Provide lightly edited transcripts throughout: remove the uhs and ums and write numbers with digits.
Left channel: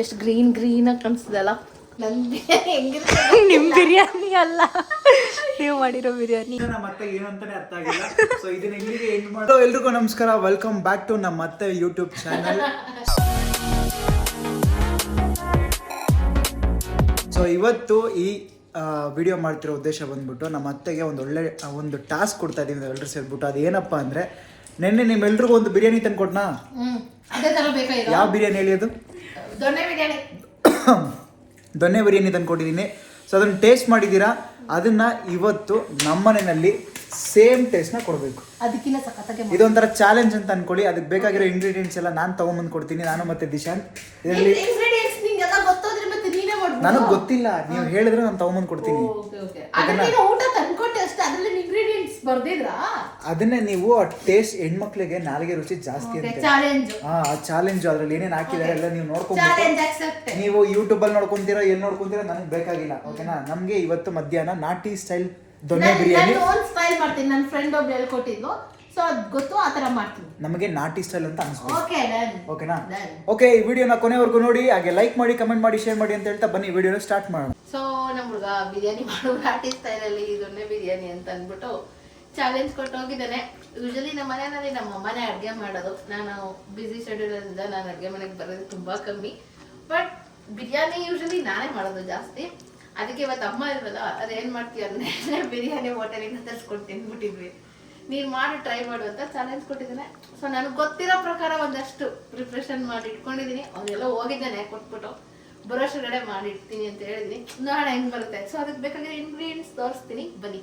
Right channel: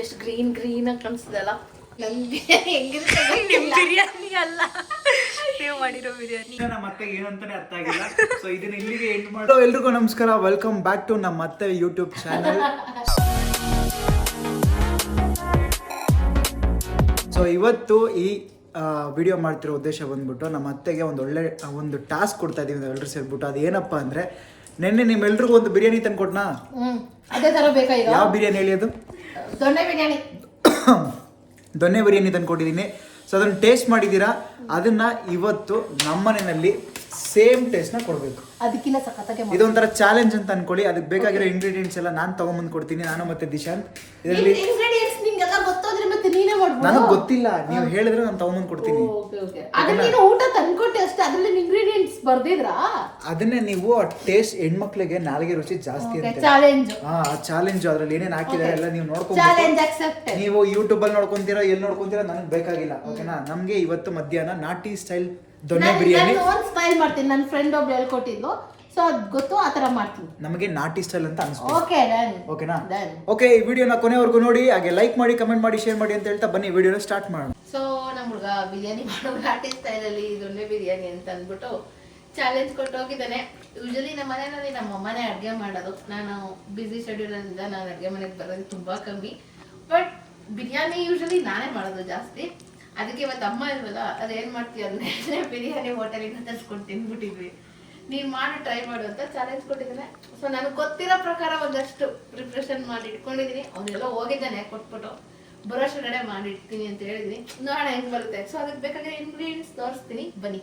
ಎಷ್ಟು ಗ್ರೀನ್ ಆಗಿ ಕಾಣಿಸ್ತದಲ್ಲ. ನಿಮ್ ಬಿರಿಯಾನಿ ಅಲ್ಲ, ನೀವು ಮಾಡಿರೋ ಬಿರಿಯಾನಿ. ಮತ್ತೆ ಏನು ಅಂತಾನೆ ಅರ್ಥ ಆಗಿಲ್ಲ. ಸೊ ಇದನ್ನ ಇಲ್ಲಿಗೆ ಎಂಡ್ ಮಾಡೋ. ಎಲ್ರಿಗೂ ನಮಸ್ಕಾರ, ವೆಲ್ಕಮ್ ಬ್ಯಾಕ್ ಟು ನಮ್ಮ ಮತ್ತೆ ಯೂಟ್ಯೂಬ್ ಚಾನಲ್. ಸೊ ಇವತ್ತು ಈ ವಿಡಿಯೋ ಮಾಡ್ತಿರೋ ಉದ್ದೇಶ ಬಂದ್ಬಿಟ್ಟು ನಮ್ಮ ಅತ್ತೆಗೆ ಒಂದು ಟಾಸ್ಕ್ ಕೊಡ್ತಾ ಇದೀವಿ ಎಲ್ಲರೂ ಸೇರ್ಬಿಟ್ಟು. ಅದೇನಪ್ಪ ಅಂದ್ರೆ, ನಿನ್ನೆ ನಿಮ್ಮೆಲ್ರಿಗೂ ಒಂದು ಬಿರಿಯಾನಿ ತಂದ್ಕೊಟ್ನಾ? ಯಾವ ಬಿರಿಯಾನಿ ಹೇಳಿ ಅದು? ದೊನ್ನೆ ಬಿರಿಯಾನಿ ತಂದ್ಕೊಟ್ಟಿದ್ದೀನಿ. ಸೊ ಅದನ್ನು ಟೇಸ್ಟ್ ಮಾಡಿದ್ದೀರಾ. ಅದನ್ನ ಇವತ್ತು ನಮ್ಮನೆಯಲ್ಲಿ ಸೇಮ್ ಟೇಸ್ಟ್ನ ಕೊಡಬೇಕು. ಇದೊಂಥರ ಚಾಲೆಂಜ್ ಅಂತ ಅನ್ಕೊಳ್ಳಿ. ಅದಕ್ಕೆ ಬೇಕಾಗಿರೋ ಇಂಗ್ರೀಡಿಯೆಂಟ್ಸ್ ಎಲ್ಲ ನಾನು ತಗೊಂಬಂದು ಕೊಡ್ತೀನಿ, ನಾನು ಮತ್ತೆ ದಿಶಾಂತ್. ನನಗೆ ಗೊತ್ತಿಲ್ಲ, ನೀವು ಹೇಳಿದ್ರೆ ನಾನು ತಗೊಂಬಂದು ಕೊಡ್ತೀನಿ. ಅದನ್ನೇ ನೀವು ಟೇಸ್ಟ್, ಹೆಣ್ಮಕ್ಳಿಗೆ ನಾಲ್ಗೆ ರುಚಿ ಜಾಸ್ತಿ ಅಂತ ಆ ಚಾಲೆಂಜ್. ಅದ್ರಲ್ಲಿ ಏನೇನು ಹಾಕಿದ್ದಾರೆ ಎಲ್ಲ ನೀವು ನೋಡ್ಕೊಂಡ್ಬಿಟ್ಟು, ನೀವು ಯೂಟ್ಯೂಬ್ ಅಲ್ಲಿ ನೋಡ್ಕೊಂತೀರಾ, ಎಲ್ಲಿ ನೋಡ್ಕೊಂತೀರಾ, ನನಗೆ ಬೇಕಾಗಿಲ್ಲ. ಓಕೆನಾ? ನಮ್ಗೆ ಇವತ್ತು ಮಧ್ಯಾಹ್ನ ನಾಟಿ ಸ್ಟೈಲ್ ದೊನ್ನೆ ಬಿರಿಯಾನಿ ಮಾಡ್ತೀನಿ. ನನ್ನ ಫ್ರೆಂಡ್ ಒಬ್ರು ಹೇಳ್ಕೊಟ್ಟಿದ್ಲು, ಸೊ ಅದು ಗೊತ್ತು, ಆ ತರ ಮಾಡ್ತೀನಿ. ನಮಗೆ ನಾಟಿ ಸ್ಟೈಲ್ ಅಂತ ಅನಿಸ್ತು. ಓಕೆನಾ? ಓಕೆ, ಈ ವಿಡಿಯೋನ ಕೊನೆವರೆಗೂ ನೋಡಿ, ಹಾಗೆ ಲೈಕ್ ಮಾಡಿ, ಕಮೆಂಟ್ ಮಾಡಿ, ಶೇರ್ ಮಾಡಿ ಅಂತ ಹೇಳ್ತಾ ಬನ್ನಿ ವಿಡಿಯೋನ ಸ್ಟಾರ್ಟ್ ಮಾಡೋಣ. ಸೊ ನಮ್ಮ ಹುಡುಗ ಬಿರಿಯಾನಿ ಮಾಡೋ ನಾಟಿ ಸ್ಟೈಲಲ್ಲಿ ದೊನ್ನೆ ಬಿರಿಯಾನಿ ಅಂತ ಅಂದ್ಬಿಟ್ಟು ಚಾಲೆಂಜ್ ಕೊಟ್ಟು ಹೋಗಿದ್ದಾನೆ. ಯೂಶಲಿ ನಮ್ಮ ಮನೆಯಲ್ಲಿ ನಮ್ಮ ಅಮ್ಮನೇ ಅಡುಗೆ ಮಾಡೋದು. ನಾನು ಬಿಸಿ ಶೆಡ್ಯೂಲ್ ಇಂದ ನಾನು ಅಡುಗೆ ಮನೆಗೆ ಬರೋದು ತುಂಬಾ ಕಮ್ಮಿ. ಬಟ್ ಬಿರಿಯಾನಿ ಯೂಶಲಿ ನಾನೇ ಮಾಡೋದು ಜಾಸ್ತಿ. ಅದಕ್ಕೆ ಇವತ್ತು ಅಮ್ಮ ಇಲ್ವಲ್ಲ, ಅದೇನ್ ಮಾಡ್ತೀವಿ ಅಂದ್ರೆ ಬಿರಿಯಾನಿ ಹೋಟೆಲಿಂದ ತರಿಸ್ಕೊಂಡು ತಿಂದ್ಬಿಟ್ಟಿದ್ವಿ. ನೀನು ಮಾಡಿ ಟ್ರೈ ಮಾಡು ಅಂತ ಚಾಲೆಂಜ್ ಕೊಟ್ಟಿದ್ದಾನೆ. ಸೊ ನನಗೆ ಗೊತ್ತಿರೋ ಪ್ರಕಾರ ಒಂದಷ್ಟು ಪ್ರಿಪ್ರೇಷನ್ ಮಾಡಿ ಇಟ್ಕೊಂಡಿದ್ದೀನಿ. ಅವನ್ನೆಲ್ಲ ಹೋಗಿದ್ದಾನೆ ಕೊಟ್ಬಿಟ್ಟು, ಬರೋಷ್ಟಗಡೆ ಮಾಡಿ ಇಡ್ತೀನಿ ಅಂತ ಹೇಳಿದೀನಿ. ನೋಡೋಣ ಹೆಂಗ್ ಬರುತ್ತೆ. ಸೊ ಅದಕ್ಕೆ ಬೇಕಾದ್ರೆ ಇಂಗ್ರೀಡಿಯೆಂಟ್ಸ್ ತೋರಿಸ್ತೀನಿ, ಬನ್ನಿ.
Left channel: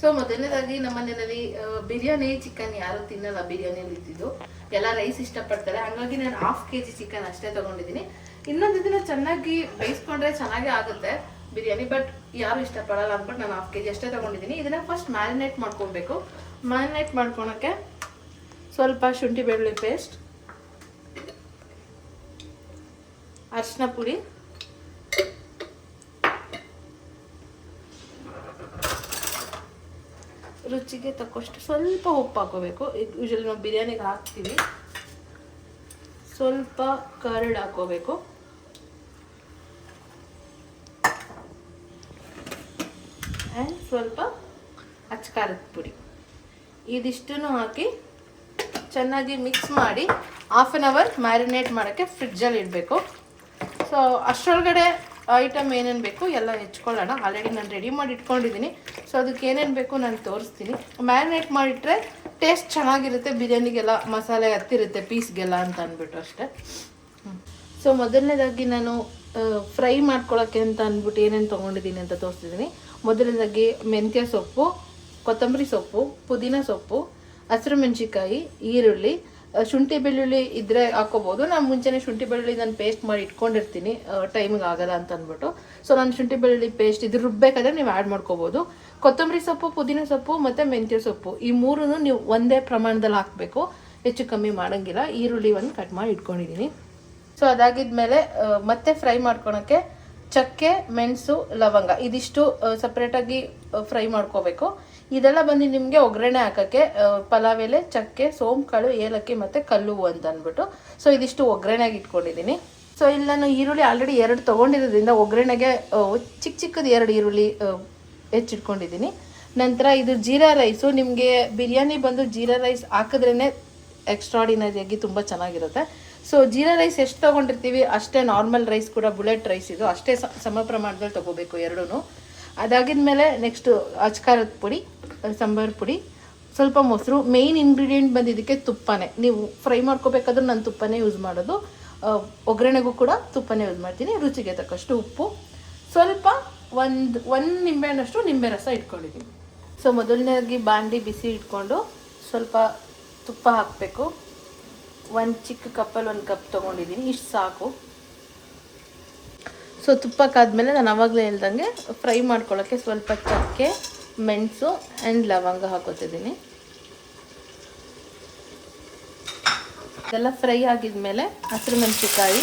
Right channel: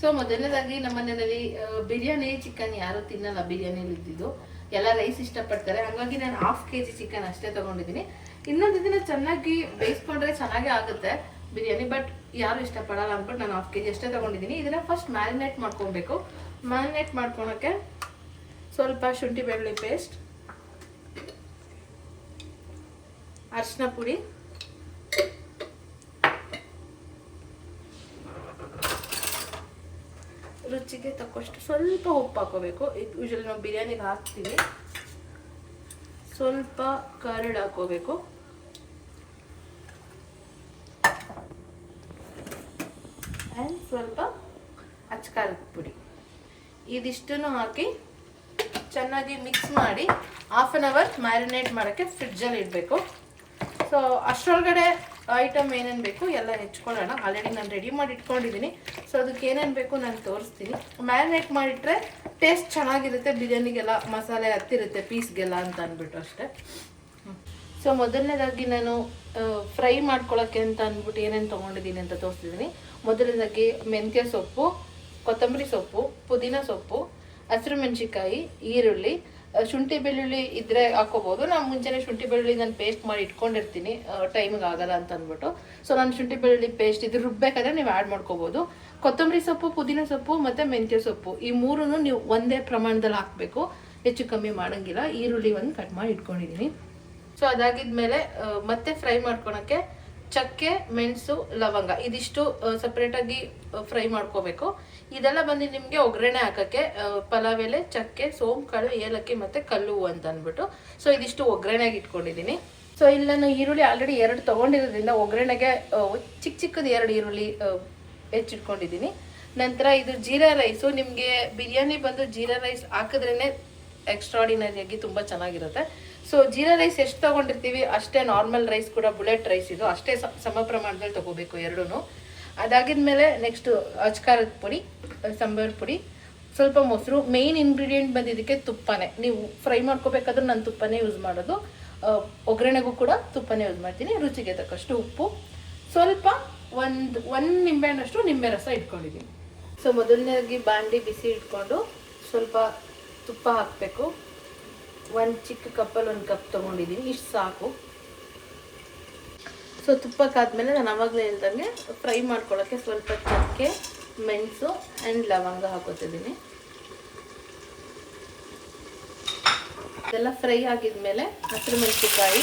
ಸೊ ಮೊದಲನೇದಾಗಿ ನಮ್ಮ ಮನೆಯಲ್ಲಿ ಬಿರಿಯಾನಿ ಚಿಕನ್ ಯಾರು ತಿನ್ನಲ್ಲ. ಬಿರಿಯಾನಿಯಲ್ಲಿ ಇದ್ದಿದ್ದು ಎಲ್ಲ ರೈಸ್ ಇಷ್ಟಪಡ್ತಾರೆ. ಹಾಗಾಗಿ ನಾನು 1/2 kg ಚಿಕನ್ ಅಷ್ಟೇ ತಗೊಂಡಿದ್ದೀನಿ. ಇನ್ನೊಂದು ದಿನ ಚೆನ್ನಾಗಿ ಬೇಯಿಸ್ಕೊಂಡ್ರೆ ಚೆನ್ನಾಗೇ ಆಗುತ್ತೆ ಬಿರಿಯಾನಿ, ಬಟ್ ಯಾರು ಇಷ್ಟಪಡಲ್ಲ ಅಂದ್ಬಿಟ್ಟು ನಾನು 1/2 kg ಅಷ್ಟೇ ತಗೊಂಡಿದ್ದೀನಿ. ಇದನ್ನ ಫಸ್ಟ್ ಮ್ಯಾರಿನೇಟ್ ಮಾಡ್ಕೊಬೇಕು. ಮ್ಯಾರಿನೇಟ್ ಮಾಡ್ಕೊಳಕ್ಕೆ ಸ್ವಲ್ಪ ಶುಂಠಿ ಬೆಳ್ಳುಳ್ಳಿ ಪೇಸ್ಟ್, ಅರಿಶಿನ ಪುಡಿ, ರುಚಿಗೆ ತಕ್ಕಷ್ಟು ಸ್ವಲ್ಪ ಉಪ್ಪು ಹಾಕೋಬೇಕು. ಯೂಶಲಿ ನಾವು ಬಿರಿಯಾನಿಗೆ ಹಾಕ್ತೀವಿ. ಸ್ವಲ್ಪ ಕರ್ಡ್ ಹಾಕೋಬೇಕು. ಆ್ಯಂಡ್ ಸ್ವಲ್ಪ ಅಚ್ಕಾರದ ಪುಡಿ. ಇದಿಷ್ಟನ್ನು ಹಾಕಿ ಚೆನ್ನಾಗಿ ಮಿಕ್ಸ್ ಮಾಡಿ 1/2 hour ಮ್ಯಾರಿನೇಟ್ ಮಾಡೋಕ್ಕೆ ಫ್ರಿಡ್ಜಲ್ಲಿ ಇಡಬೇಕು. ಸೊ ಅಷ್ಟರೊಳಗಡೆ ಐಟಮ್ ಏನೇನು ಬೇಕು ಎಲ್ಲ ಹೆಚ್ಕೊಳ್ಳೋಣ. ಆಲ್ರೆಡಿ ನಾನು ರೆಡಿ ಮಾಡಿ ಇಟ್ಕೊಂಡಿದ್ದೀನಿ. ಸೊ ಅದಕ್ಕೆ ಏನೇನು ಬೇಕು ನಾನು ತೋರಿಸ್ತೀನಿ. ಮ್ಯಾರಿನೇಟ್ ಮಾಡಿಟ್ರೆ ಟೇಸ್ಟ್ ಚೆನ್ನಾಗಿರುತ್ತೆ, ಬಿರಿಯಾನಿಗೆಲ್ಲ ಮಸಾಲೆ ಹತ್ತಿರುತ್ತೆ ಪೀಸ್ಗೆಲ್ಲ ಅಂತ ಅಂದ್ಬಿಟ್ಟು ಅಷ್ಟೇ. ಸೊ ಮೊದಲನೇದಾಗಿ ನಾನು ಫ್ರೈ ಮಾಡ್ಕೊಳ್ಳೋಕ್ಕೆ ಅಂತ ಅಂದ್ಬಿಟ್ಟು ಏನೇನು ತೊಗೊಂಡಿದ್ದೀನಿ ಅಂತ ತೋರಿಸ್ತಿದ್ದೀನಿ. ಮೊದಲನೇದಾಗಿ ಮೆಂತ್ಯ ಸೊಪ್ಪು, ಕೊತ್ತಂಬರಿ ಸೊಪ್ಪು, ಪುದೀನ ಸೊಪ್ಪು, ಹಸಿರು ಮೆಣಸಿಕಾಯಿ, ಈರುಳ್ಳಿ, ಶುಂಠಿ ಬೆಳ್ಳುಳ್ಳಿ ಇದ್ರೆ ಹಾಕೋಬಹುದು. ನಾನು ಮುಂಚೆನೇ ಶುಂಠಿ ಬೆಳ್ಳುಳ್ಳಿ ನಾನು ಪೇಸ್ಟ್ ಮಾಡಿ ಇಟ್ಕೊಂಡಿರ್ತೀನಿ, ಟೈಮಿಗೆ ಆಗಲ್ಲ ಅಂತ ಅಂದ್ಬಿಟ್ಟು. ಸೊ ನಾನು ಶುಂಠಿ ಬೆಳ್ಳುಳ್ಳಿ ಪೇಸ್ಟ್ ಇದು ರುಬ್ಬೇಕಾದ್ರೆ ನೀವು ಆ್ಯಡ್ ಮಾಡ್ಕೋಬಹುದು. ಕೊತ್ತಂಬರಿ ಸೊಪ್ಪು, ಪುದೀನ ಸೊಪ್ಪು ಮತ್ತು ಮೆಂತ್ಯ ಸೊಪ್ಪು ಈ ಮೂರನ್ನು ನೀವು ಒಂದೇ ಪ್ರಮಾಣದಲ್ಲಿ ಹಾಕಬೇಕು, ಹೆಚ್ಚು ಕಮ್ಮಿ ಮಾಡೋಂಗಿಲ್ಲ. ಈರುಳ್ಳಿ ಒಂದು ಕಟ್ ಮಾಡಿ ಇಟ್ಕೊಂಡಿದ್ದೀನಿ. ಸೊ ಅದಾಗಿದ್ಮೇಲೆ ಮತ್ತೆ ಫ್ರೈ ಮಾಡ್ಕೊಳಕ್ಕೆ ಚಕ್ಕೆ, ಮೆಣಸು, ಲವಂಗ ಇದಿಷ್ಟು ಸಪ್ರೇಟಾಗಿ ಫ್ರೈ ಮಾಡ್ಕೋಬೇಕು. ಇದೆಲ್ಲ ಬಂದು ನಿಮಗೆ ಒಗ್ಗರಣೆ ಹಾಕೋಕ್ಕೆ ಪಲಾವ್ ಎಲೆ, ಚಕ್ಕೆ, ಸೋಂಕಾಳು, ಏಲಕ್ಕಿ ಮತ್ತು ಕಲ್ಲು ಅಂತ ಅಂದ್ಬಿಟ್ಟು. ಸೊ ಇದಿಷ್ಟು ಒಗ್ಗರಣೆಗೆ ಇಟ್ಕೊಂಡಿದ್ದೀನಿ. ಸೊ ಇಲ್ಲಿ ನಾನು ಈರುಳ್ಳಿ ಆಲ್ರೆಡಿ 2 ತೊಗೊಂಡಿರೋದ್ರಿಂದ ಒಗ್ಗರಣೆಗೆ ಚಿಕ್ಕದು 2 ಈರುಳ್ಳಿ ಹೆಚ್ಚಿಟ್ಕೊಂಡಿದ್ದೀನಿ. ನಂತರ ಇದು ಜೀರಾ ರೈಸು. ನಿಮಗೆ ಬಿರಿಯಾನಿ ಬಂದು ಜೀರಾ ರೈಸ್ ಹಾಕಿದ್ರೇ ಎಕ್ಸ್ಟ್ರಾಡಿನರಿಯಾಗಿ ತುಂಬ ಚೆನ್ನಾಗಿರುತ್ತೆ. ಸೊ ಜೀರಾ ರೈಸ್ ಎಷ್ಟು ತೊಗೊಂಡಿರ್ತೀವಿ ಅಷ್ಟೇ ನಾರ್ಮಲ್ ರೈಸ್ ಕೂಡ, ಬುಲೆಟ್ ರೈಸ್ ಇದು ಅಷ್ಟೇ ಸಮ ಪ್ರಮಾಣದಲ್ಲಿ ತೊಗೋಬೇಕು ಎರಡೂ. ಅದಾಗಿದ್ಮೇಲೆ ನೆಕ್ಸ್ಟು ಅಚ್ಕಾರದ ಪುಡಿ, ಸಾಂಬಾರು ಪುಡಿ, ಸ್ವಲ್ಪ ಮೊಸರು. ಮೇಯ್ನ್ ಇಂಗ್ರೀಡಿಯೆಂಟ್ ಬಂದಿದ್ದಕ್ಕೆ ತುಪ್ಪನೇ. ನೀವು ಫ್ರೈ ಮಾಡ್ಕೋಬೇಕಾದ್ರೆ ನಾನು ತುಪ್ಪನೇ ಯೂಸ್ ಮಾಡೋದು, ಒಗ್ಗರಣೆಗೂ ಕೂಡ ತುಪ್ಪನೇ ಯೂಸ್ ಮಾಡ್ತೀನಿ. ರುಚಿಗೆ ತಕ್ಕಷ್ಟು ಉಪ್ಪು, ಸ್ವಲ್ಪ ಒಂದು ನಿಂಬೆಹಣ್ಣಷ್ಟು ನಿಂಬೆ ರಸ ಇಟ್ಕೊಂಡಿದ್ದೀನಿ. ಸೊ ಮೊದಲನೇದಾಗಿ ಬಾಂಡಿ ಬಿಸಿ ಇಟ್ಕೊಂಡು ಸ್ವಲ್ಪ ತುಪ್ಪ ಹಾಕಬೇಕು. ಒಂದು ಚಿಕ್ಕ ಕಪ್ಪಲ್ಲಿ 1 ಕಪ್ ತೊಗೊಂಡಿದ್ದೀನಿ, ಇಷ್ಟು ಸಾಕು. ಸೊ ತುಪ್ಪಕ್ಕಾದ್ಮೇಲೆ ನಾನು ಆವಾಗಲೇ ಹೇಳ್ದಂಗೆ ಫ್ರೈ ಮಾಡ್ಕೊಳ್ಳೋಕ್ಕೆ ಸ್ವಲ್ಪ ಚಕ್ಕೆ, ಮೆಣಸು ಆ್ಯಂಡ್ ಲವಂಗ ಹಾಕೋತಿದ್ದೀನಿ. ಎಲ್ಲ ಫ್ರೈ ಆಗಿದ್ಮೇಲೆ ಹಸಿರು ಮೆಣಸಿಕಾಯಿ,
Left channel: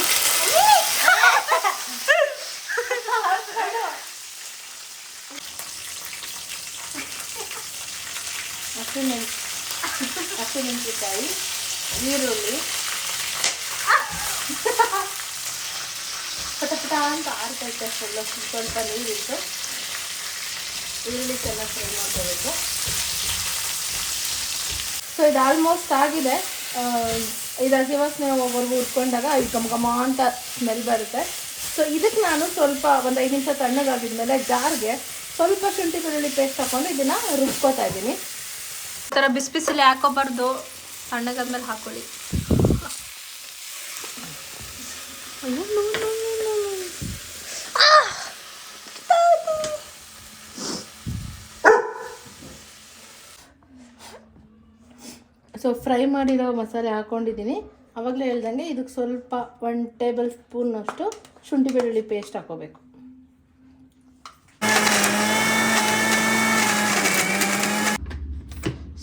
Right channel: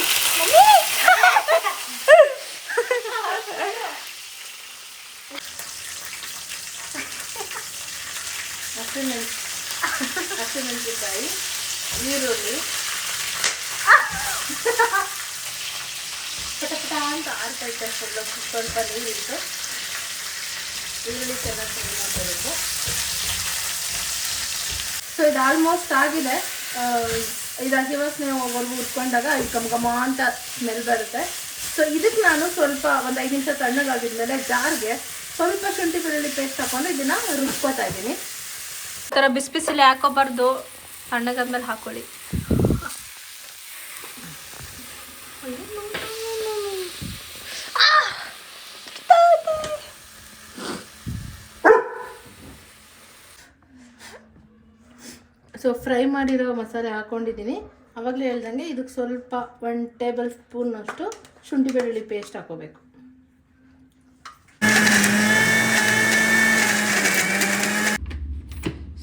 ಹಸಿಮೆಣಸಿಕಾಯಿ, ಈರುಳ್ಳಿ, ಪಟ ಪಟ ಅಂತ ಆರ್ತೈತೆ. ಸ್ವಲ್ಪ ನೀರಿಟ್ಟು ಈರುಳ್ಳಿ ಚೆನ್ನಾಗಿ ಫ್ರೈ ಮಾಡ್ಕೋಬೇಕು. ಸೊ ಇದು ಆಲ್ಮೋಸ್ಟ್ ಆಗಿದೆ. ಇದು ಹಸಿ ವಾಸನೆ ಹೋಗೋವರೆಗೂ ಉಟ್ಕೊಂಡಾಗ ಇದು ಘಮ ಘಮ ಅಂತ ಸ್ಮೆಲ್ ಬರುತ್ತೆ. ಸೊ ಇದಕ್ಕೆ ನಾನು ಸ್ವಲ್ಪ ಒಂದು 5 ನಿಮಿಷ ತಣ್ಣಗಾಗಿದ್ಮೇಲೆ ಜಾರ್ಗೆ ಸ್ವಲ್ಪ ಶುಂಠಿ ಬೆಳ್ಳುಳ್ಳಿ ಪೇಸ್ಟ್ ಹಾಕೊಂಡು ಇದನ್ನು ರುಬ್ಕೋತಾ ಇದ್ದೀನಿ. ಈ ಥರ ಬಿಸಿ ಬಿಸಿಲಿ ಹಾಕೋಬಾರ್ದು, ತಣ್ಣಗಾದ್ಮೇಲೆ ಹಾಕೊಳ್ಳಿ. ಸೊ ಫ್ರೈ ಮಾಡಿರೋ ಮಸಾಲೆ ಹಾಕ್ಕೊಂಡಿದ್ದೀನಿ. ಆವಾಗಲೇ ಹೇಳ್ದಂಗೆ ಇದಕ್ಕೆ ಸ್ವಲ್ಪ 1 ಟೇಬಲ್ ಸ್ಪೂನ್ನಷ್ಟು ಶುಂಠಿ ಬೆಳ್ಳುಳ್ಳಿ ಪೇಸ್ಟ್ ಹಾಕೋಬೇಕು.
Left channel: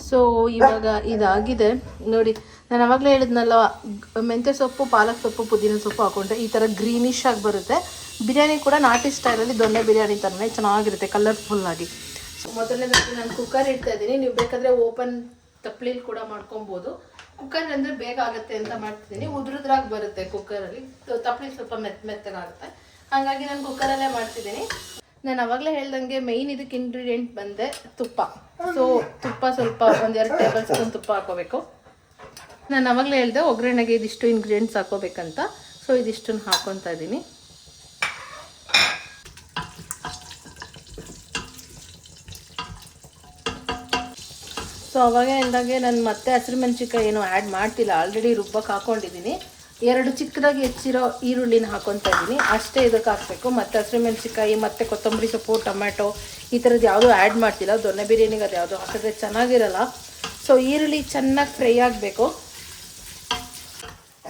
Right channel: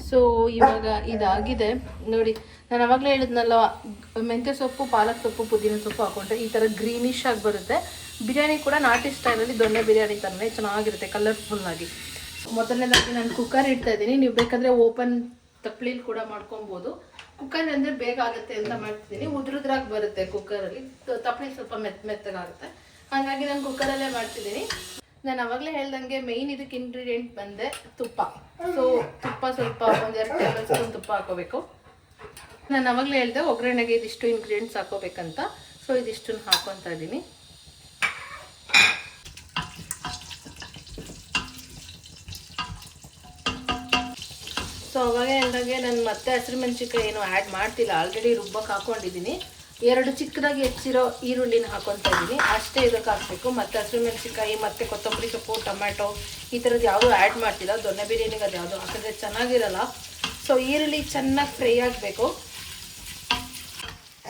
ಸೊ ಇವಾಗ ಇದಾಗಿದೆ ನೋಡಿ. ನಾನು ಆವಾಗಲೇ ಹೇಳಿದ್ನಲ್ಲ, ಮೆಂತ್ಯ ಸೊಪ್ಪು, ಪಾಲಕ್ ಸೊಪ್ಪು, ಪುದೀನ ಸೊಪ್ಪು ಹಾಕೊಂಡ್ರೆ ಈ ಥರ ಗ್ರೀನಿಶ್ ಆಗಿ ಬರುತ್ತೆ. ಬಿರಿಯಾನಿ ಕೂಡ ನಾಟಿ ಸ್ಟೈಲಲ್ಲಿ ದೊಣ್ಣೆ ಬಿರಿಯಾನಿ ಥರನೇ ಚೆನ್ನಾಗಿರುತ್ತೆ, ಕಲರ್ಫುಲ್ಲಾಗಿ. ಮೊದಲನೇದಾಗಿ ನಾನು ಕುಕ್ಕರ್ ಇಡ್ತಾ ಇದ್ದೀನಿ. ನೀವು ಬೇಕಾದರೆ ಓಪನ್ ತಪ್ಪಲಿಲಿ ಕೂಡ ಮಾಡ್ಕೊಬೋದು. ಕುಕ್ಕರ್ ಅಂದರೆ ಬೇಗ ಆಗುತ್ತೆ ಅಂತ ಮಾಡ್ತಿದ್ದೀನಿ. ಉದ್ರದ್ರಾಗಿ ಬರುತ್ತೆ ಕುಕ್ಕರಲ್ಲಿ, ತಪ್ಪಲಿ ಸ್ವಲ್ಪ ಮೆತ್ತಗಾಗುತ್ತೆ. ಹಾಗಾಗಿ ನಾನು ಕುಕ್ಕರಲ್ಲೇ ಮಾಡ್ತಿದ್ದೀನಿ. ನಾನು ಅವಾಗಲೇ ಹೇಳ್ದಂಗೆ ಮೇಯ್ನ್ ಇದಕ್ಕೆ ಇಂಗ್ರೀಡಿಯೆಂಟ್ ಬಂದೆ ತುಪ್ಪ. ಸೊ ತುಪ್ಪ ಸ್ವಲ್ಪ 1-2 ಟೇಬಲ್ ಸ್ಪೂನ್ ತುಪ್ಪ ಹಾಕೋಬೇಕು. ನಾನು ಅವಾಗಲೇ ಹೇಳಿದೆ ಒಗ್ಗರಣೆಗೆ ಇದಿಷ್ಟು ಇಂಗ್ರೀಡಿಯೆಂಟ್ಸ್ ಹಾಕೋಬೇಕಂತ. ಸೊ ಇದಿಷ್ಟನ್ನು ಹಾಕೊತಾ ಇದ್ದೀನಿ. ಸೊ ಅವಾಗ ಹೇಳ್ದಾಗೆ ನಾನು ಮತ್ತೆ ಹಸಿರುಮೆಣಸಿನ್ಕಾಯಿ ಏನು ಆ್ಯಡ್ ಮಾಡ್ತಿಲ್ಲ, ಆಲ್ರೆಡಿ ರುಬ್ಬಕ್ಕೆ ಹಾಕೊಂಡಿದ್ದೀನಿ. 2 ಚಿಕ್ಕದಾಗಿ ಹೆಚ್ಚಿರೋ ಈರುಳ್ಳಿನ ಹಾಕೊತಾ ಇದ್ದೀನಿ, ಅಷ್ಟೇ ಇದಕ್ಕೆ ಹಾಕಬೇಕು. ಮತ್ತು ಹಸಿರುಮೆಣಸಿನ್ಕಾಯಿ ಮತ್ತು ಕೊತ್ತಂಬರಿ ಸೊಪ್ಪು, ಟೊಮ್ಯಾಟೊ ಈ ಥರದ್ದು ಯಾವುದೂ ಆ್ಯಡ್ ಮಾಡ್ತಿಲ್ಲ. ದೊಣ್ಣೆ ಬಿರಿಯಾನಿಗೆ ಅದು ಯಾವುದೋ ಹಾಕಿದ್ರೆ ಚೆನ್ನಾಗಿರಲ್ಲ. ಸೊ ಈರುಳ್ಳಿ ಚೆನ್ನಾಗಿ ಫ್ರೈ ಆಗಬೇಕು.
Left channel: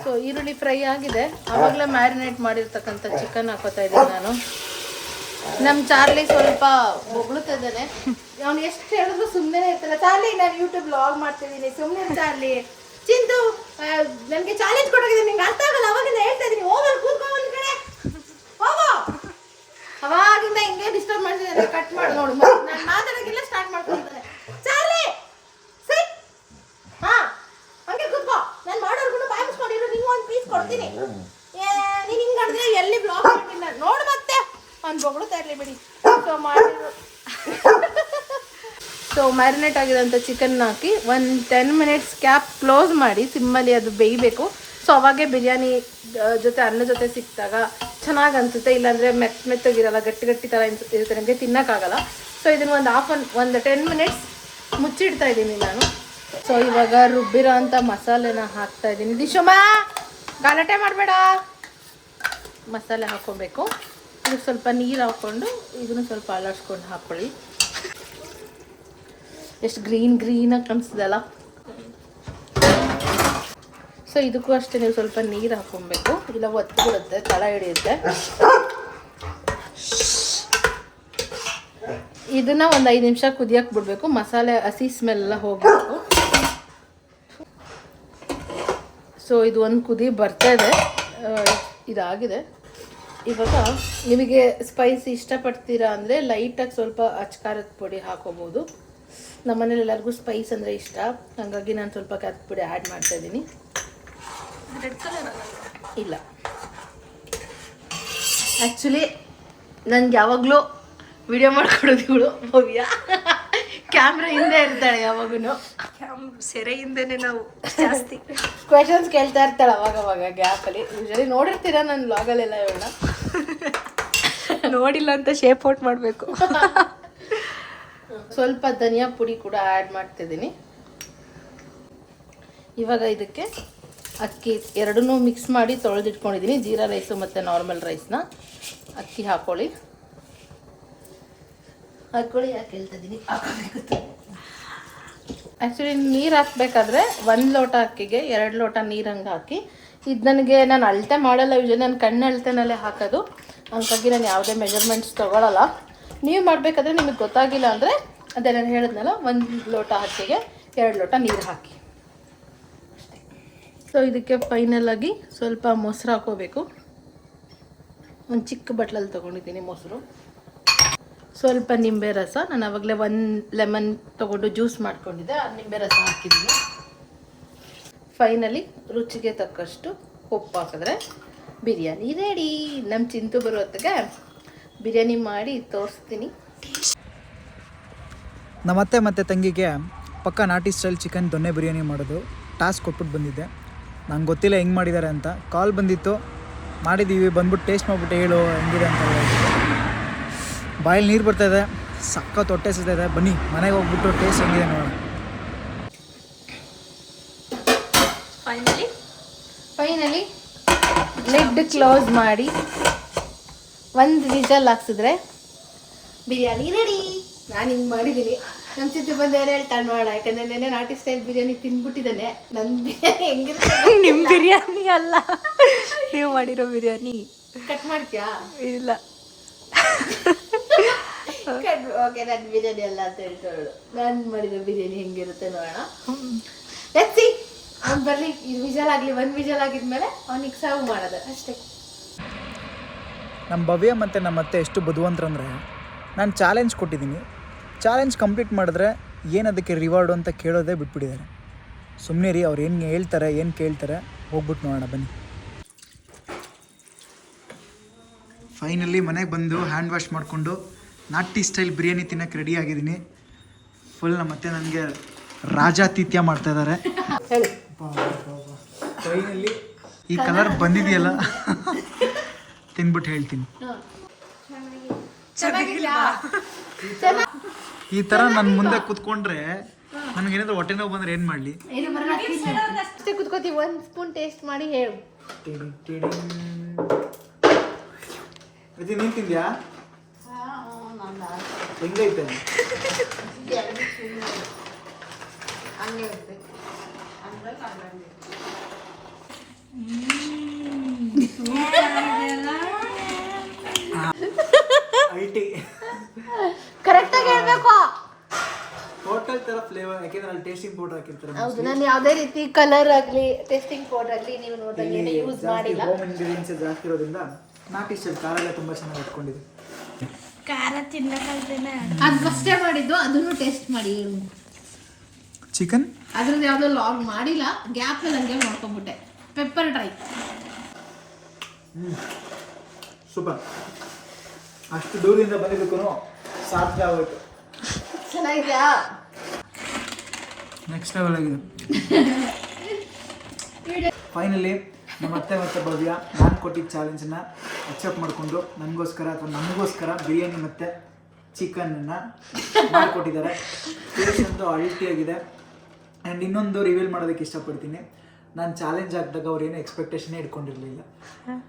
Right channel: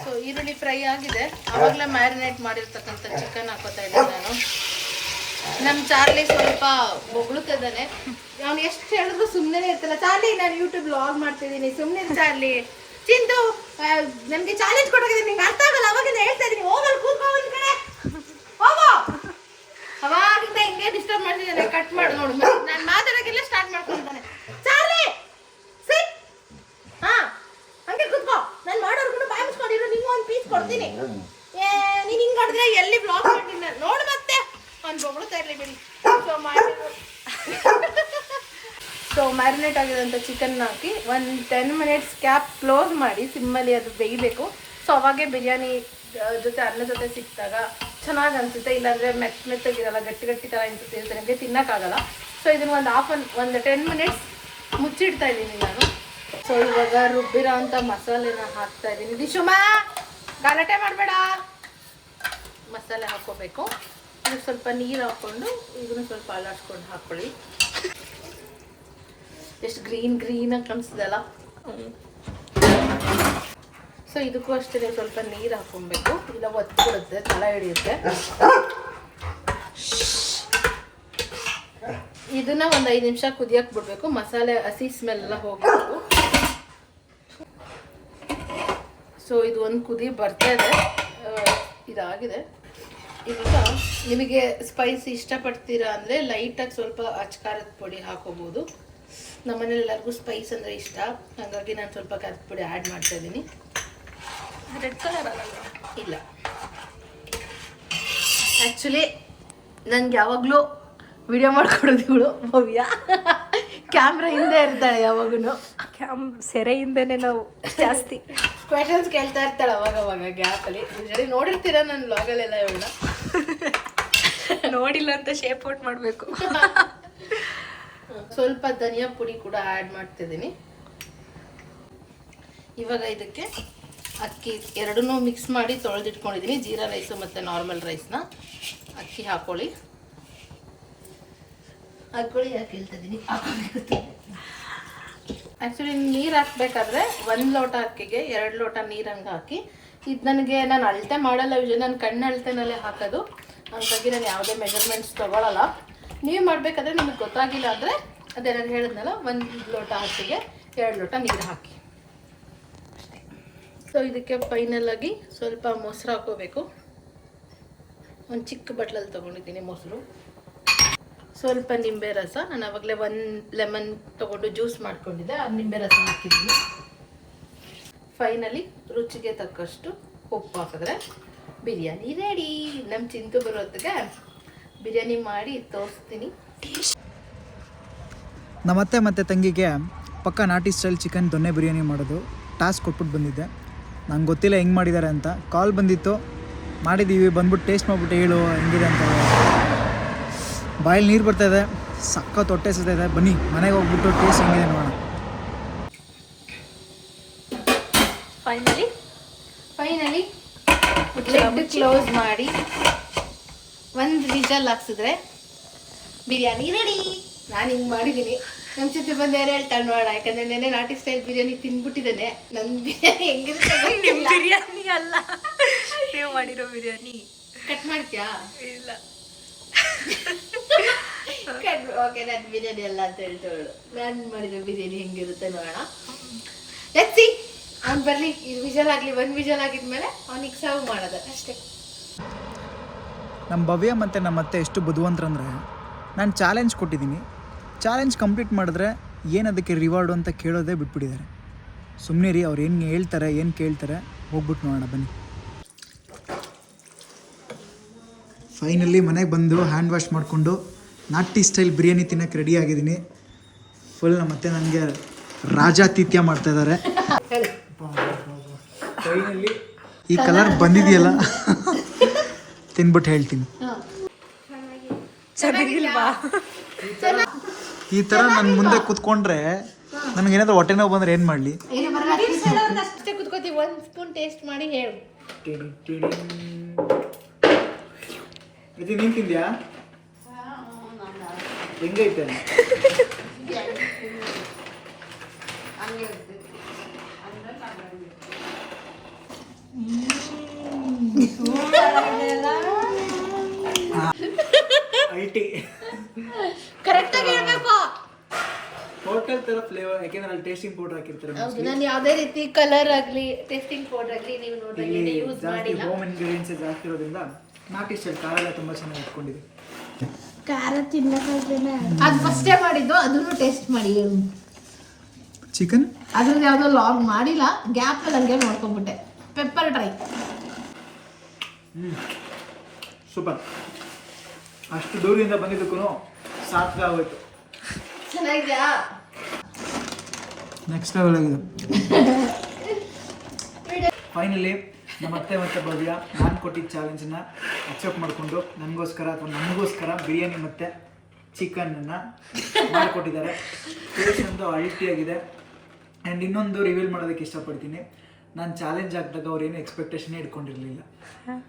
ಸೊ ಈರುಳ್ಳಿ ಫ್ರೈ ಆಗಿದೆ. ಆವಾಗಲೇ ಮ್ಯಾರಿನೇಟ್ ಮಾಡಿರ್ತಕ್ಕಂಥ ಚಿಕನ್ ಹಾಕೋತಾ ಇದ್ದೀನಿ ನಾನು. ನಮ್ಮ ಚಾರ್ಲಿ ಸ್ವಲ್ಪ ಬೊಗಳುತ್ತಾ ಇದ್ದಾನೆ. ಅವ್ನು ಎಷ್ಟು ಹೇಳಿದ್ರು ಸುಮ್ಮನೆ ಇರ್ತಲ್ಲ. ಚಾರ್ಲಿ, ನಾನು ಯೂಟ್ಯೂಬ್ ವ್ಲಾಗ್ ಮಾಡ್ತಿದ್ದೀನಿ, ಸುಮ್ಮನೆ ಚಾರ್ಲಿ. ಚಿಂತು, ನಮಗೆ ಚಾಲೆಂಜ್ ಕೊಟ್ಟಿದ್ದೀನಿ, ನಿಂಗೆ ಅರ್ಥ ಆಗಲ್ಲ. ಅವಾಗಿಂದ ಹೇಳ್ತಾ ಇದ್ದೀನಿ, ಹೋಗಲ್ಲ ಕೂತ್ಕೊ ಒಂದು ಕಡೆ, ಹೋಗೋ. ಅವಾಗಿಂದ ಹಿಂಗೆ ಡಿಸ್ಟರ್ಬ್ ಮಾಡ್ತಿದ್ದಾನೆ. ಕಟ್ ಮಾಡಿ ನೋಡು, ನಾನು ಮಾತಾಡೋಕ್ಕೆಲ್ಲ ಸ್ಟಾರ್ಟ್ ಮಾಡ್ಕೊತಾನೆ. ಚಾರ್ಲಿ ಸಿಟ್, ಹಾಂ ಹಂಗೆ ಕೂತ್ಕೋ. ನಾನು ಮಾಡೋರ್ಗು ಬಾಯ್ ಮುಚ್ಕೊಂಡಿರೋ, ನಿಂಗೆ ಒಂದು ಪೀಸ್ ಕೊಡ್ತೀನಿ. ನೀನು ಹಿಂಗೆ ಮಾಡಿದ್ರೆ ಎಲ್ಲಿ ಬ್ಲಾಗ್ ಮಾಡ್ತೀನಿ ನಾನು, ನೋಡು. ಮತ್ತೆ ಅವ್ನು ಬೊಗಳುತ್ತಾ ಇರಲಿ ಬಿಡಿ. ಸೊ ಮಾಡಿ ಸೊ ಮ್ಯಾರಿನೇಟ್ ಆಗಿರೋಂಥ ಚಿಕನ್ನ ಹಾಕಿ 10 ಮಿನಿಟ್ಸ್ ಕ್ಯಾಪ್ ಕ್ಲೋಸ್ ಮಾಡಿ ಸಿಮ್ಮಲ್ಲಿ ಅದು ಬೇಯಬೇಕು. ಸೊ ಅವಾಗೆ ಬಿರಿಯಾನಿ ಜೊತೆ ಅನ್ನ ಜೊತೆ ಸಿಕ್ಕಿದಾಗ ಚೆನ್ನಾಗಿ ಅನಿಸುತ್ತೆ. ಇಲ್ಲಾಂದರೆ ಮೆತ್ತಗಿರಲ್ಲ, ಗಟ್ಟಿ ಥರ ಇರುತ್ತೆ, ನನಗೆ ತಿನ್ನೋಕ್ಕಾಗಲ್ಲ. ಸೊ ಇದನ್ನು ಒಂದು 10 ಮಿನಿಟ್ಸ್ ಮುಚ್ಚಿಡ್ತಾ ಇದ್ದೀನಿ ನಾನು. ಸೊ ಇವಾಗ ರುಬ್ಬಿರೋ ಅಂಥ ಮಸಾಲೆನ ಹಾಕ್ತಾ ಇದ್ದೀನಿ. ದಿಶುಮ ಗಲಾಟೆ ಮಾಡಬೇಡ, ಮಸಾಲೆ ಹಾಕ್ಕೋಬೇಕು. ಇದು ಸ್ವಲ್ಪ ನೀರು ಹಾಕ್ಕೊಂಡು ಇದನ್ನು ಸ್ವಲ್ಪ ಅಲಾಡ್ಸ್ಕೊಂಡು ಹಾಕ್ಕೊಳ್ಳಿ. ಎಷ್ಟು ಗ್ರೀನಾಗಿ ಕಾಣಿಸ್ತಿದೆಲ್ಲ. ಸೊ ಇದಕ್ಕೂ ಅಷ್ಟೇ ನೀವು ಸ್ವಲ್ಪ ನೀರು ಹಾಕ್ಕೊಬೇಕು, ಇಲ್ಲ ಒತ್ತಿಬಿಡುತ್ತೆ, ತಳ ಹಿಡಿಯುತ್ತೆ. ಇದನ್ನ ಒಂದು 5 ನಿಮಿಷ ಕುದಿಯಕ್ಕೆ ಬಿಡಬೇಕು. ಮಸಾಲೆ ಹಸಿ ಸ್ಮೆಲ್ ಎಲ್ಲ ಹೋಗಬೇಕು. ಸೊ ಇದು ಒಂದು ಕುದಿ ಬರ್ತಾ ಇದೆ, ಇದಾಗಿದೆ. ಇವಾಗ ನಿಮಗೆ ಸ್ಪೈಸಿ ಇಷ್ಟಪಡ್ತೀರಾ ಅಂದರೆ ಲೈಟಾಗಿ ಸ್ವಲ್ಪ ಅಚ್ಕಾರದ ಪುಡಿ ಹಾಕೋಬೋದು. ನಮ್ಮನೇಲಿ ಎಲ್ಲರಿಗೂ ಸ್ಪೈಸ್ ಅಂದರೆ ಇಷ್ಟ, ಹಾಗಾಗಿ ನಾನು ಸ್ವಲ್ಪ ಖಾರದ ಪುಡಿ ಆ್ಯಡ್ ಮಾಡ್ತಾ ಇದ್ದೀನಿ. ರೆಡ್ ಕಲರ್ ಇಲ್ಲ, ಆ್ಯಕ್ಚುಲಿ ನನಗೆ ಯಾವಾಗಲೂ ವಿಡಿಯೋ ಮಾಡ್ಕೊಡೋದು ಇವಳು ಭವ್ಯ. ಕ್ಯಾಮ್ರಾ ಹಿಂದೆ ಇರ್ತಾಳೆ ಯಾವಾಗೂ. ಸೆರೆಯಿಂದನೇ ನಾವು ಜಾಸ್ತಿ ಕ್ವೆಶನ್ಸ್ ಕೇಳ್ತಾ ಇರ್ತಾಳೆ ಅವಾಗವಾಗ ಗ್ಯಾಪಲ್ಲಿ. ಯೂಶಲಿ ನೋಡಿರ್ತೀರಾ ನನ್ನ ವ್ಲಾಗಲ್ಲೆಲ್ಲ ಇವಳ. ನೋಡಿಲ್ಲ ಅಂತ ಶೇಪ್ ಔಟ್ ಮಾಡಬೇಕು. ಸ್ವಲ್ಪ ಧನಿಯಾ ಪುಡಿ ಕೂಡ ಆ್ಯಡ್ ಮಾಡ್ತಿದ್ದೀನಿ. ಇವಾಗ ಇದಕ್ಕೆ ಅಕ್ಕಿ ಎರಡನ್ನೂ ಮಿಕ್ಸ್ ಮಾಡಿ ತೊಳೆದಿಟ್ಕೊಂಡಿದ್ದೀನಿ. ಜೀರಾ ರೈಸು ಮತ್ತು ನಾರ್ಮಲ್ ರೈಸ್ನ ಅಕ್ಕಿ ಹಾಕ್ಕೊಳ್ಳಿ. ಯಾಕೆ ಹೇಳ್ತಾ ಇದ್ದೀನಿ, ಆ್ಯಕ್ಚುಲಿ ನೀರು ಹಾಕಬೇಕಾದ್ರೆ 1 ಲೋಟ ಅಕ್ಕಿಗೆ 2 ಲೋಟ ನೀರು ಹಂಗೆ ಹಾಕಿ. ಇದು ನಾನು ಅಳತೆ ಮಾಡಲ್ಲ, ಯೂಶಲಿ ನಾನು ಕಣ್ಣು ಅಳತೆನಲ್ಲೇ ಹಾಕೋದು. ಹಾಗಾಗಿ ನಾನು ಯಾವುದೇ ಮೆಜರ್ಮೆಂಟ್ಸ್ ತೊಗೊಳಲ್ಲ. ನೀವು ಮಾಡಬೇಕಾದ್ರೆ ನಿಮಗೆ ಗೊತ್ತಾಗಿಲ್ಲ ಅಂದರೆ ಅದೇ ನಾನು ಹೇಳಿದ್ನಲ್ಲ, 1 ಲೋಟ ಅಕ್ಕಿಗೆ 2 ಲೋಟ ನೀರು ಹಾಕಿ ಅಷ್ಟೇ. ಸೊ ಇದಕ್ಕೆ ಫೈನಲಾಗಿ ಸ್ವಲ್ಪ ಮೊಸರು ಹಾಕೋಬೇಕು. ಒಂದು ಚಿಕ್ಕ ಬಟ್ಲಲ್ಲಿ ತೊಗೊಂಡಿದ್ದೀನಿ ಮೊಸರು. ಸ್ವಲ್ಪ ನಿಂಬೆ ರಸ, ನಾನು ಆವಾಗಲೇ 1 ಲೆಮನ್ ತೊಗೊಂಡು ಜ್ಯೂಸ್ ಮಾಡ್ಕೊಂಡಿದ್ದೆ, ಅದು ನಿಂಬೆ ರಸ ಹಾಕಿದ್ದೀನಿ. ಫೈನಲಿ ರುಚಿಗೆ ತಕ್ಕಷ್ಟು ಉಪ್ಪು ಹಾಕಿದ್ರೆ ಬಿರಿಯಾನಿ ರೆಡಿ. ನಮ್ಮ ಚಿಂತು ಬರೋ ಹೊತ್ತಿಗೆ ಬಿರಿಯಾನಿ ಮಾಡಿ ತೋರಿಸ್ತೀನಿ. ನಮ್ಮತ್ತೆ ಮತ್ತು ತಂಗಿಗೆ ಪಕ್ಕ ನಾಟಿ ಸ್ಟೈಲ್ ಚಿಕನ್ ದೊನ್ನೆ ಬಿರಿಯಾನಿ ಮಾಡೋದು ಟಾಸ್ಕ್ ಕೊಟ್ಬಿಟ್ಟು ಬಂದಿದ್ದೆ. ನಂಗೆ ಗೊತ್ತಿಲ್ಲ ಹೆಂಗೆ ಮಾಡಿದ್ದಾರೆ ಅಂತ. ಕಾಲ್ ಬಂದಿತ್ತು, ಮಾಡಿದ್ದೀವಿ, ಬಂದ್ಬಿಟ್ಟು ಟೇಸ್ಟ್ ಮಾಡಿಬಿಟ್ಟು ಹೇಳು ಹೆಂಗಿದೆ ಅಂತ ಹೇಳಿದ್ರು. ಬಾಯಲ್ಲಿ ನೀರು ಬರ್ತಾಯಿದೆ, ಸಖತ್ ಹೊಟ್ಟೆ ಇದೆ. ಬನ್ನಿ ಮನೆಗೆ ಹೋಗ್ಬಿಟ್ಟು ಟೇಸ್ಟ್ ಹೆಂಗಿದೆ ನೋಡೋಣ. ಫೈನಲಿ ಲಿಡ್ ಕ್ಲೋಸ್ ಮಾಡಿ 1 ವಿಷಲ್ ಹಾಕ್ಸಿದ್ರೆ ಬಿರಿಯಾನಿ ರೆಡಿ. ನಾನು ಹಿಂಗೆ ಮಾಡಿದ್ದೀನಿ. ನಮ್ಮ ಚಿತ್ರ ಬಂದು ಏನೇ ಹೇಳ್ತಾಳೆ ನೋಡೋಣ, ಯಾಕಂದ್ರೆ ನೆನೆ ನಾಟಿ ಸ್ಟೈಲ್ ಬಿರಿಯಾನಿ ತಿಂದ್ಬಿಟ್ಟಿದ್ದಾನೆ. ನನ್ನ ಬಿರಿಯಾನಿ ಹೆಂಗಿರುತ್ತೆ ನಿಮ್ಮ ಬಿರಿಯಾನಿ ಅಲ್ಲ, ನೀವು ಮಾಡಿರೋ ಬಿರಿಯಾನಿ. ಕಟ್ ಮಾಡ್ತೀಯಾ? ಇಲ್ಲ ಓಕೆ, ನನ್ನ ಬಿರಿಯಾನಿ ಅಲ್ಲ ಅಂತ ಹೇಳ್ತಾಳು. ನಾನು ಮಾಡಿರೋ ಬಿರಿಯಾನಿ ಹೆಂಗಿರುತ್ತೆ ನೋಡೋಣ. Let's see. ಅವ್ನು ಬರಲಿ, ಇದು ವಿಜಲ್ ಆಗಲಿ. 1 ವಿಜಲ್ ಆಗಿದ್ಮೇಲೆ ಅವ್ನಿಗೆ ಸರ್ವ್ ಮಾಡೋದು ಅಷ್ಟೇ. ನಮ್ಮ ಭವ್ಯ ಮತ್ತು ನಮ್ಮ ಅತ್ತೆ ಎಷ್ಟು ಬುದ್ಧಿವಂತರಂದರೆ, ನಾನು ಚಾಲೆಂಜ್ ಕೊಟ್ಟಿದ್ದೀನಿ, ಚಾಲೆಂಜ್ ಕಂಪ್ಲೀಟ್ ಮಾಡಿದ್ರೆ ಏನು ಅದಕ್ಕೆ ರಿವಾರ್ಡು ಅಂತ ಕೇಳೋದೇ ಬಿಟ್ಬಿಟ್ಟಿದ್ದಾರೆ. ಸುಮ್ಮನೆ ರೀ, ಅವ್ರು ಏನು ಹೇಳ್ತಾರೆ ಏನು ಕೇಳ್ತಾರೆ, ಹೋಗ್ಬಿಟ್ಟು ನೋಡೋಣ ಬನ್ನಿ. ಫೈನಲಿ ಮನೆಗೆ ಬಂದು ಹ್ಯಾಂಡ್ ವಾಶ್ ಮಾಡಿಕೊಂಡು ನಾಟಿ ಸ್ಟೈಲ್ ಬಿರಿಯಾನಿ ತಿನ್ನೋಕ್ಕೆ ರೆಡಿ ಆಗಿದ್ದೀನಿ. ಫುಲ್ ನಮ್ಮ ಅತ್ತೆ ನನಗೆ ರಾಜಾತಿಥ್ಯ ಮಾಡ್ತಾಯಿದ್ದಾರೆ. ಫೈನಲಿ ಈ ಕಲರ್ ಬಂದಿದೆಯಲ್ಲ, ತಿನ್ಬಿಟ್ಟು ಹೇಳ್ತೀನಿ. ಈ ಥರ ನನ್ನ ಮುಂದೆ ಕೂತ್ಕೊಂಡ್ರೆ ನನಗೇನಾದ್ರೂ ಹೊಟ್ಟೆ ನೋವು ಬಂದರೆ ಏನು ಮಾಡಲಿ? ಅಷ್ಟೇ ಕೂತ್ಕೋತೀವಿ. 1 ಸ್ಪೂನ್ ಟೇಸ್ಟ್ ಮಾಡಿ ಹೇಳು. ನೀನು ತಿಂದ್ಯಾ? ಹೆಂಗೈತೆ? ಐಟಿ ಕರೆಕ್ಟಾಗಿ ಹೇಳ್ಬೇಕು. ಹೋಟೆಲ್ ಥರ ಫ್ಲೇವರ್, ಯಾಕೆಂದ್ರೆ ಅಲ್ಲಿ ಟೇಸ್ಟಿಂಗ್ ಪೌಡರ್ ಹಾಕಿರ್ತಾರೆ. ಹೌದು, ನಾನು ಯಾವುದೇ ರೀತಿ ಕಲರ್ ಆಗಲಿ ಟೇಸ್ಟಿಂಗ್ ಪೌಡರ್ ಆಗಲಿ ನೀವು ನೋಡಿದ್ರೆ ಯೂಸ್ ಮಾಡಿಲ್ಲ. ಹೋಮ್ ಇಂಗ್ರೀಡಿಯೆಂಟ್ಸ್ ಜಾಸ್ತಿ ಇರೋದ್ರಿಂದ ನಾಟಿ ಸ್ಟೈಲ್ ಖಾರ ಎಲ್ಲ ತುಂಬ ಚೆನ್ನಾಗಿ ಇಟ್ಕೊಂಡಿದೆ. ಖಾರ ತಿನ್ನಕ್ಕಾಗ್ದೇನೆ ಅದು ಫಸ್ಟೇ ಮಾಡಿದ್ದು, ಅದನ್ನು ಟೇಸ್ಟ್ ಮಾಡಿ. ಚಿಕನ್ ಅದು ಯಾವುದೋ ಲಾಗ್ ಮಾಡಿಲ್ಲ, ಗ್ಯಾಪ್ನಲ್ಲಿ ಹಂಗೆ ನೋಡ್ಕೊಂಡ್ಬಿಟ್ಟೆ. Pepper dry. ಸೂಪರ್. ಅಷ್ಟು ದೂರದಿಂದ ಬಂದಿದ್ದಕ್ಕೂ ಸಾರ್ಥಕ ಆಗೋಯ್ತು. ಚೆನ್ನಾಗಿದೆಯಾ? ನೆಕ್ಸ್ಟ್ ಲೆವೆಲ್ ಆಗಿದೆ. ಫೈನಲಿ ನಮ್ಮ ಅತ್ತೆ ಮತ್ತು ಭವ್ಯ ನಾನು ಕೊಟ್ಟಿದ್ದ ಚಾಲೆಂಜನ್ನ ಅಕ್ಸೆಪ್ಟ್ ಮಾಡಿಕೊಂಡು ನನಗೋಸ್ಕರ ಅಥವಾ ನಮಗೋಸ್ಕರ ಬಿರಿಯಾನಿ ಮತ್ತು ಚಿಕನನ್ನು ಮಾಡಿಕೊಟ್ಟಿದ್ದಾರೆ. ಟೇಸ್ಟ್ ಒಂದು ಅಲ್ಟಿಯಾಗಿದೆ. ಆ್ಯಂಡ್ ಇನ್ನೊಂದು ರಿವೀಲ್ ಮಾಡೋದಕ್ಕೆ ಇಷ್ಟಪಡ್ತೀನಿ, ನಾನು ಚಾಲೆಂಜ್ ಹಾಕಿದಾಗ ಅವ್ರು ಏನು ಎಕ್ಸ್ಪೆಕ್ಟೇಷನೇ ಇಟ್ಕೊಂಡಿರಲಿಲ್ಲ.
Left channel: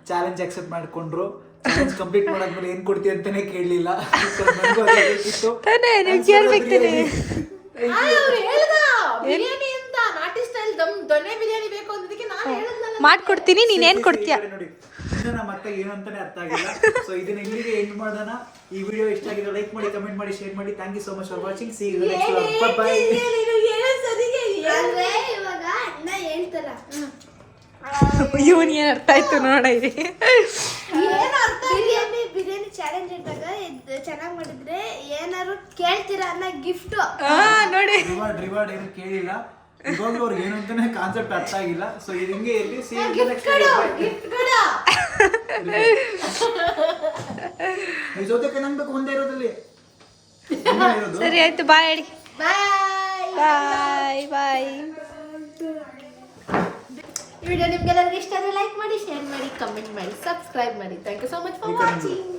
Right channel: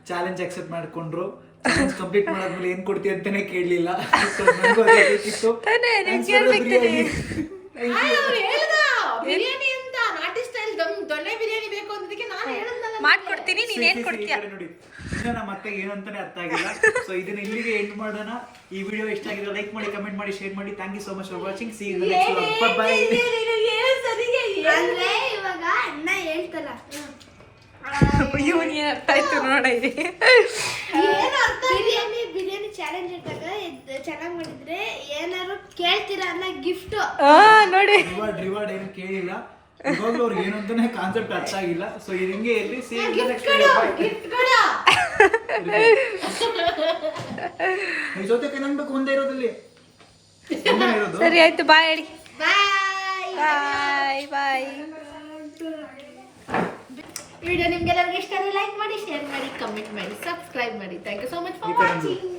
ಚಾಲೆಂಜ್ ಅಕ್ಸೆಪ್ಟ್ ಮಾಡಿಕೊಂಡ್ರು, ಚಾಲೆಂಜ್ ಕಂಪ್ಲೀಟ್ ಮಾಡಾದ್ಮೇಲೆ ಏನು ಕೊಡ್ತೀವಿ ಅಂತಲೇ ಕೇಳಲಿಲ್ಲ. ಮಾಡ್ಕೊಡ್ತೀನಿ, ನೀನೇನು ಕೊಡ್ತೀಯ ನೋಡಿ. ಇನ್ನು ನಮ್ಮ ಅತ್ತೆಗೆ ಏನು ಅಂತಾನೆ ಅರ್ಥ ಆಗಿಲ್ಲ. ಸೊ ಇದನ್ನ ಇಲ್ಲಿಗೆ ಎಂಡ್ ಮಾಡೋಣ. ಈ ವಿಡಿಯೋ ಇಷ್ಟ ಆಗಿದ್ರೆ ಲೈಕ್ ಮಾಡಿ, ಕಮೆಂಟ್ ಮಾಡಿ, ಶೇರ್ ಮಾಡಿ. Thank you so much for watching. See you next vlog. Bye ಅಂದ್ರೆ ಇವಾಗ ಅಣ್ಣ ಹೇಳ್ತಾರ ಇವನ್ ಏನ್ ಅರ್ಥ ಆಯ್ತು ನೋಡಿರಿ. ಬಿರಿಯಾನಿ ಚಾಲೆಂಜ್ ಇದ್ದಾಗ ಚೆನ್ನಾಗಿ ಮಾಡಿದ್ರೆ ಏನಾರು ಕೇಳ್ತೀರಾ ಅನ್ನೋ ಗಿಫ್ಟ್ ನೋಡಿ. ರಿವಾರ್ಡ್ ಏನು ಕೇಳಿಲ್ಲ. ಇವಾಗಲೂ ಅವ್ರಿಗೆ ಏನು ಅಂತಾನೆ ಕಾನ್ಸೆಪ್ಟ್ ಅರ್ಥ ಆಗಿಲ್ಲ. ಸೊ ಇದು ಹಿಂಗೆ ಇರಲಿ. ಸಿ ಯು ನೆಕ್ಸ್ಟ್ ಈ ಜೊತೆಗೆ ನಂಬೇಕು ಒಂದೇ ಇರೋದಲ್ಲಿ. ಸರಿ ಆಯ್ತು, ಬಾಯ್ ಹೇಳಿ. ಬಾಯ್ ಬಾಯ್ ಬಾಯ್. ವಿಡಿಯೋ ನಿಮ್ಗೆಲ್ಲರಿಗೂ ಇಷ್ಟ ಆದರೆ ಲೈಕ್ ಮಾಡಿ, ಶೇರ್ ಮಾಡಿ, ಕಮೆಂಟ್ ಮಾಡಿ, ಸಬ್ಸ್ಕ್ರೈಬ್ ಮಾಡಿ. Thank you so much for watching.